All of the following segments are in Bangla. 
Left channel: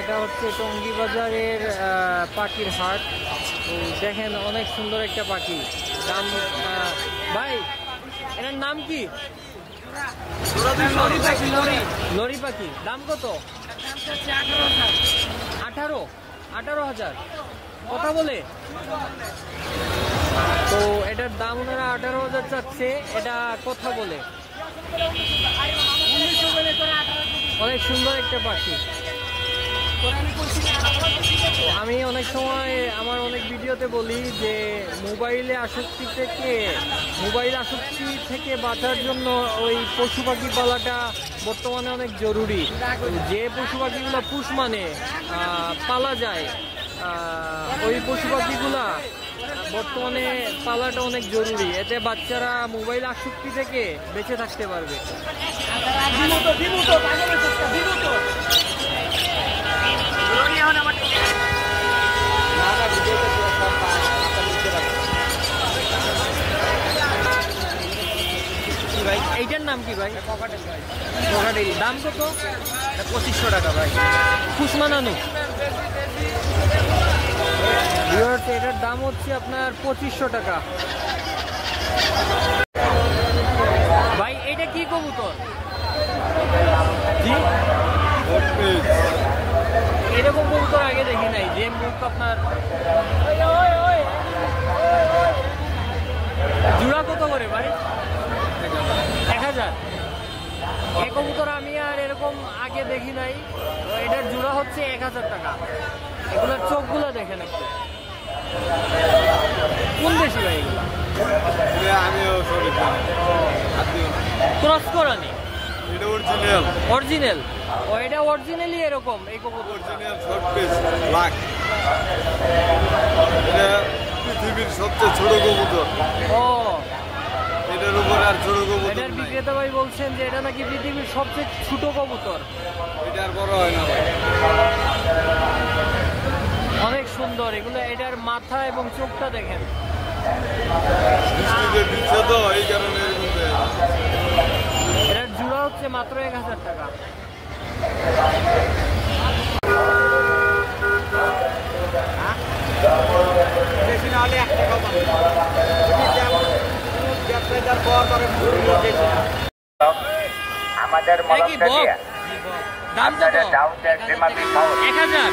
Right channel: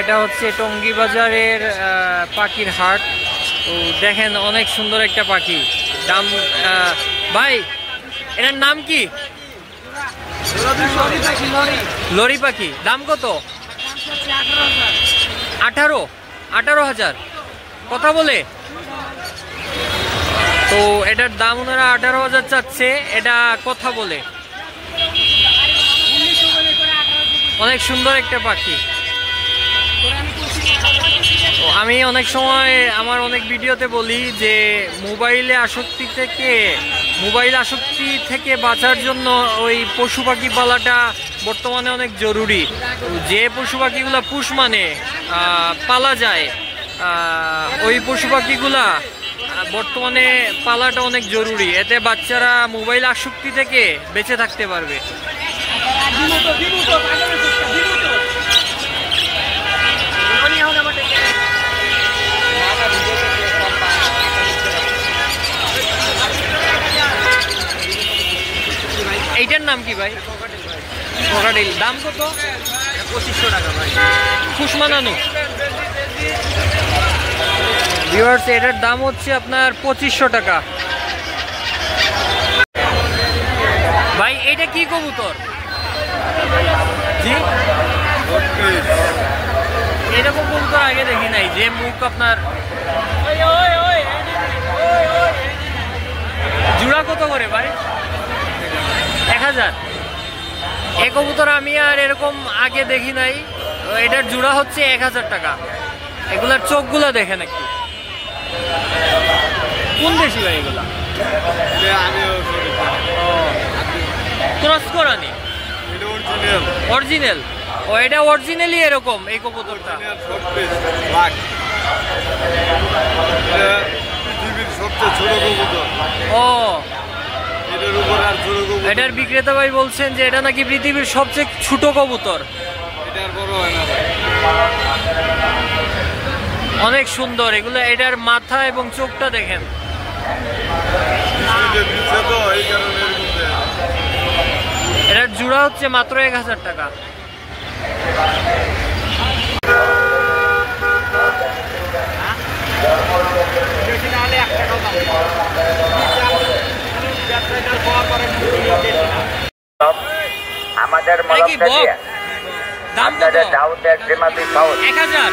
এটা হচ্ছে টঙ্গী বাজারের পাখির হাট। তো দেখেন অনেক সুন্দর একটা পাখি। দাম ভাই এটার নাম কি? লরি পাখি। দাম কত? 18,000 কথা বলে। তো এটার দাম ওনারা 18,000 চাচ্ছে, এটা কথা বলে। অনেক সুন্দর একটা পাখি। আমি অনেক সময় আমার অনেক ভিডিওতে বলি যে মোবাইল আসক্তি থেকে বাঁচার জন্য ওই পশু পাখি পালাটা বর্তমানে অনেক জরুরি। যে পশু পাখিগুলা পালা যায়, ওই পশু পাখিগুলা বর্তমানে পালাটা অনেক জরুরি। এতে বাচ্চারা মোবাইল আসক্তি থেকে বেঁচে থাকতে পারবে। এইটার নাম কি ভাই? ক্রোকোডাইল। দাম কত? 2500 টাকা ভাই। পুষ মানানো। ভিউয়ার্স এটার দাম হচ্ছে আপনার 2500 টাকা। ভাই এটা কি কবুতর? জি, এরকম কবুতর আগে দেখি নাই, যে মুখ আপনার। জোড়া কত করে ভাই? 1000। এই কবুতর আমি আর এরকম আগে দেখি নাই। এটার জোড়া হচ্ছে 1000 টাকা। এগুলার চোখগুলো দেখেন একটু। কোন দেশি ভাই এগুলা? ক্রস করানি? অরিজিনাল। ও এটা অরিজিনালি এরকম এই কবুতরটা। ও, এটার বিক্রেতা ভাই বলছেন যে এটা নাকি পৃথিবীর সবচেয়ে ছোট কবুতর। অনেক সুন্দর এগুলো। এটার মাথা এবং চোখটা দেখেন। এটার জোড়া হচ্ছে মাত্র 1000 টাকা। দাম কত? 1000।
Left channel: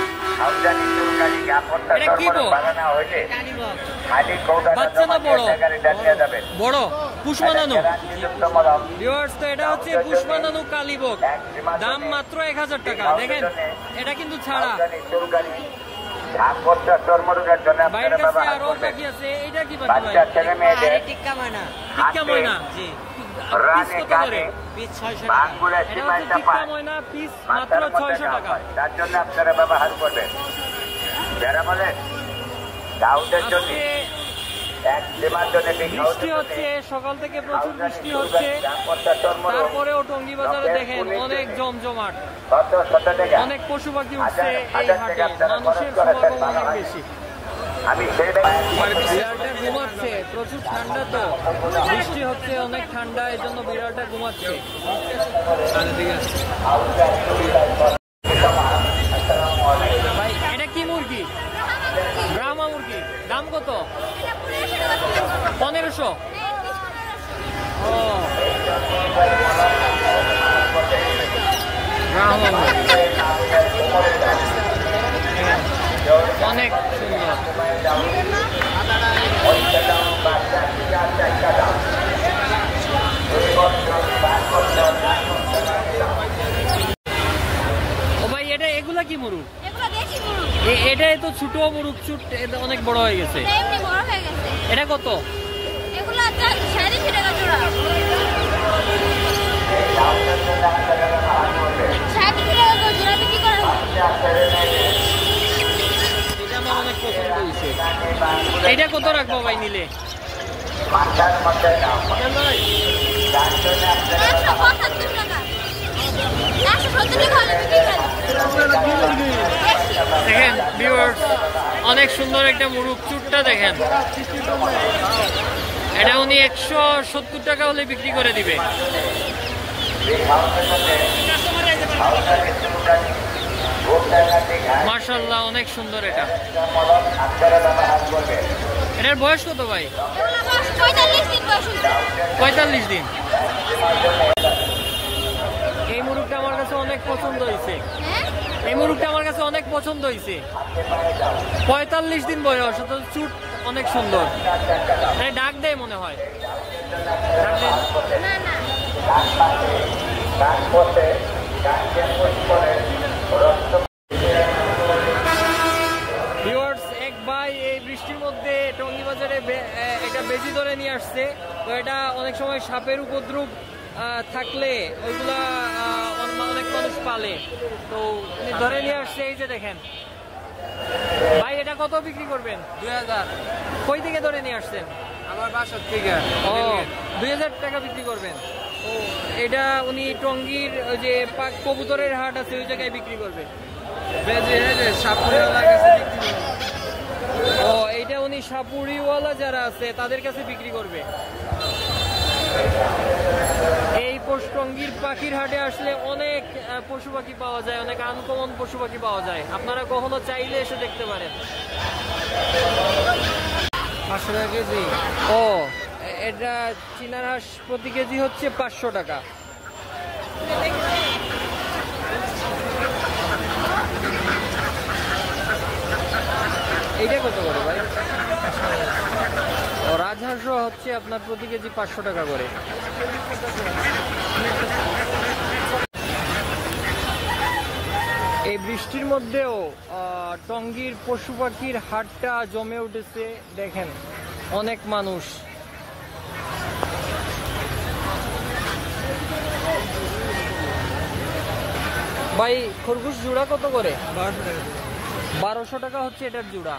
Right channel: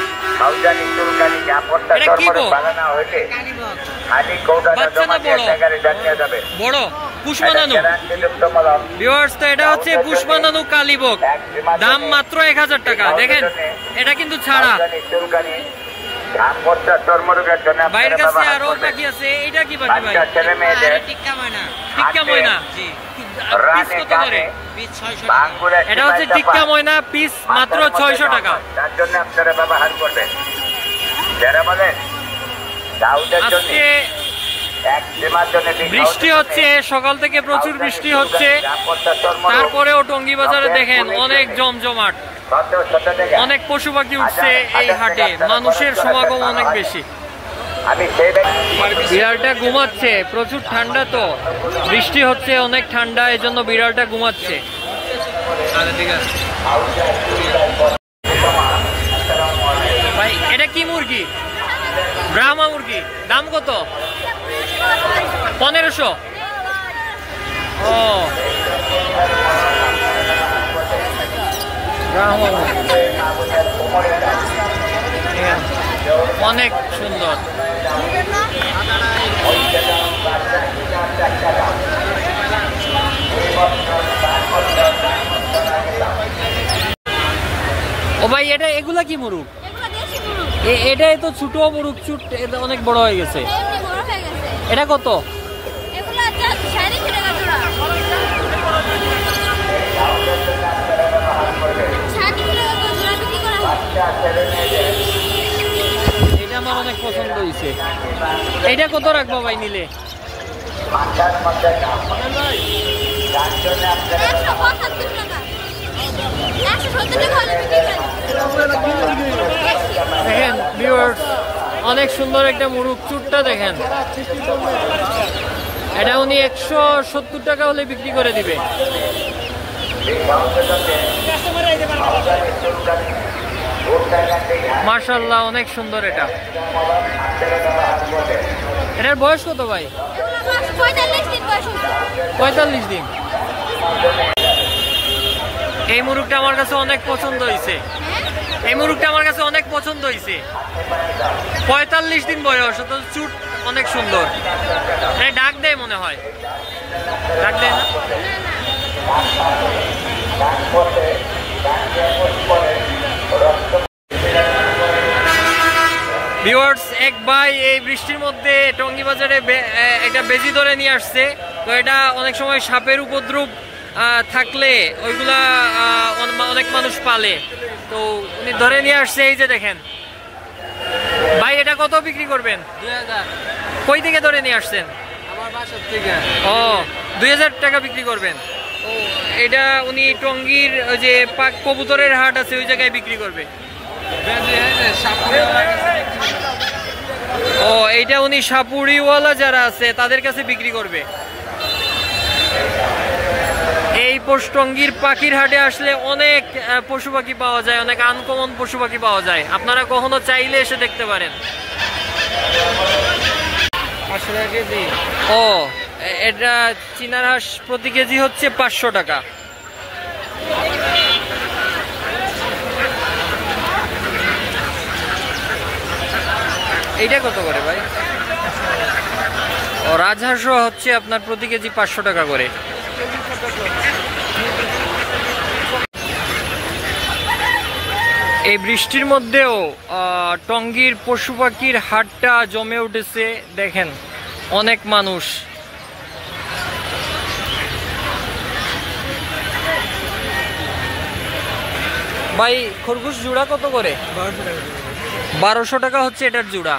এটা কি বক? বাচ্চা না বড়? বড়। পুষ মানানো। ভিউয়ার্স তো এটা হচ্ছে পুষ মানানো কালীবক। দাম মাত্র 1000 টাকা। দেখেন এটা কিন্তু ছাড়া। বাইরের কাছে আরো পাখি আছে। এটা কি পাখি ভাই? টিক্কা ময়না। পিস কত করে? এটা হচ্ছে টিক্কা ময়না, পিস মাত্র 600 টাকা। আজকে বৃষ্টি হচ্ছে, সকাল থেকে প্রচুর বৃষ্টি হচ্ছে, তারপরেও টঙ্গী বাজারে দেখেন অনেক জমজমাট। অনেক পশু পাখি উঠছে এই হাটে। মানুষের সমাগম অনেক বেশি। বিড়ালটা ঘুমাচ্ছে। প্রচুর ঠান্ডা, তো বৃষ্টি হচ্ছে, অনেক ঠান্ডা, এই জন্য বিড়ালটা ঘুমাচ্ছে। ভাই এটা কি মুরগি? ব্রাহ্মা মুরগি। দাম কত? 1500। ও, ব্রাহ্মা মুরগি অনেক সুন্দর। ও ভাই এটা এগুলা কি মুরগ? এটা তো ছোট মুরগ, চুট এটা অনেক বড় হয়ে গেছে। এটা কত? এটা কত রাখবো ভাই নিলে? দেখেন ভিউয়ার্স অনেক সুন্দর একটা মুরগ। চুটটা দেখেন। এটা উনি 170 টাকা হলে বিক্রি করে দিবে। মাশাআল্লাহ, অনেক সুন্দর। এটার বয়স কত ভাই? 45 দিন। এই মুরগটা আমার কাছে অনেক পছন্দ হয়েছে। 45 দিন বয়স, চুট অনেক সুন্দর। ডাক দেয় মনে হয়, ডাক দেয় না? ভিউয়ার্স, এক ভাই এই বৃষ্টির মধ্যে টঙ্গী বাজারে একটা বেজি ধরে নিয়ে আসছে। তো এটা অনেক সময় সাপের উপদ্রব থাকলে ওইগুলা অনেক মানুষ পালে, তো উনি ধরে নিয়ে আসছে। এই যে দেখেন ভাই, এটা কত বিক্রি করবেন? 2000। কই থেকে ধরে নিয়ে আসছেন? আমার বাসা থেকে। ও, 2000 টাকা বিক্রি করবেন। ও, এটা উনি টঙ্গীর ওই যে কবুতরের হাট আছে ওই জায়গায় বিক্রি করবে। ও, এইটা উনি সাপুরিওয়ালা যারা আছে তাদের কাছে বিক্রি করবে। এই টঙ্গীর পাখির হাটে আসলে অনেক পশু পাখি পাওয়া যায়, অনেক আনকমন পশু পাখি পাওয়া যায়। আপনারা কখনো চাইলে এসে দেখতে পারেন। ও, এটা চীনার হাঁস প্রতি কেজি হচ্ছে 500 টাকা। এইটা কত করে ভাই? ও, রাজহাঁসও হচ্ছে আপনার প্রতি কেজি 500 টাকা করে। এই বৃষ্টির মধ্যেও টঙ্গীর পশু পাখির হাটটা জমে উঠেছে। দেখেন অনেক মানুষ। ভাই, খরগোশ জোড়া কত করে? 1200 টাকা হচ্ছে এটার জোড়া।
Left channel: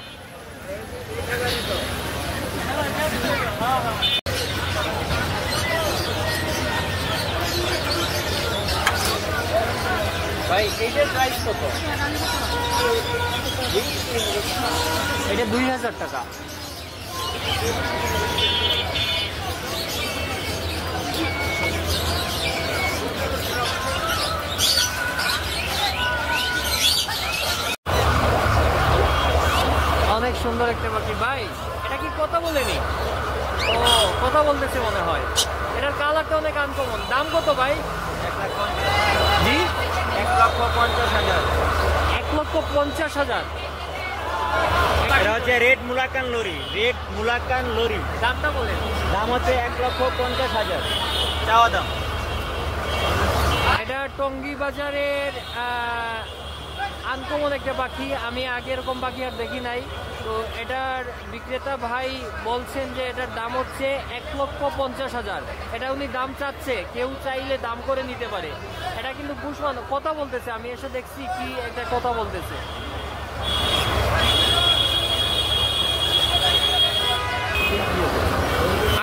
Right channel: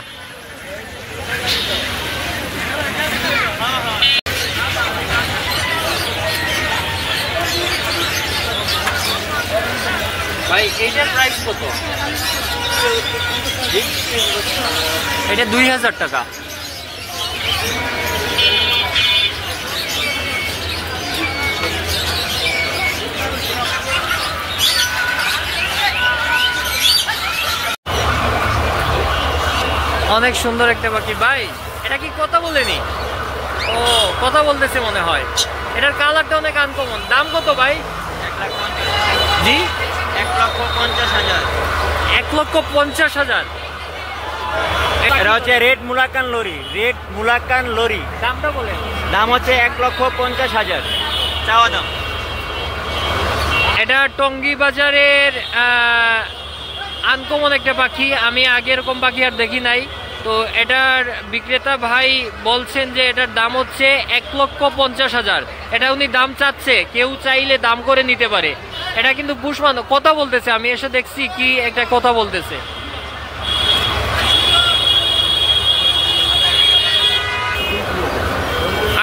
ভাই, এইটার প্রাইস কত? এটা 2000 টাকা। অনেক সুন্দর একটা পাখি। ভাই, এটা কি কথা বলেনি? ও, কথা বলতেছে মনে হয়। এটার কালারটা অনেক আনকমন। দাম কত ভাই? 1,50,000। জি, 1,50,000। 1,50,000। এটা হচ্ছে রেড মুলাকান লরি। দামটা বলেন। দাম হচ্ছে 1,50,000 চাওয়া দাম। এটা টঙ্গী বাজারের আনকমন একটা পাখি। আমি আগে এরকম পাখি আর দেখি নাই। তো এটার বিক্রেতা ভাই বলছেন যে এটার দাম হচ্ছে 1,50,000। এটা উনি দাম চাচ্ছে, কেউ চাইলে দাম করে নিতে পারে। এটা কিন্তু বুশমান কথা বলতেছে, আমি এসে দেখছি কি একটা কথা বলতেছে।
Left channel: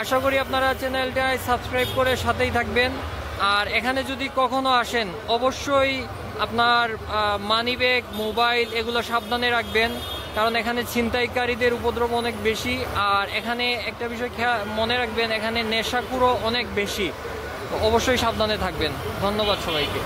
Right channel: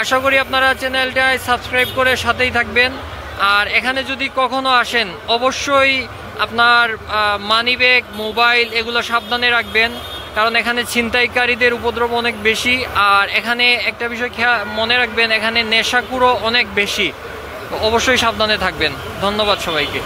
আশা করি আপনারা চ্যানেলটায় সাবস্ক্রাইব করে সাথেই থাকবেন। আর এখানে যদি কখনো আসেন অবশ্যই আপনার মানিব্যাগ, মোবাইল এগুলো সাবধানে রাখবেন, কারণ এখানে ছিনতাইকারীদের উপদ্রব অনেক বেশি। আর এখানে একটা বিষয় মনে রাখবেন, এখানে নেশাখোরও অনেক বেশি। অবশ্যই সাবধানে থাকবেন। ধন্যবাদ সবাইকে।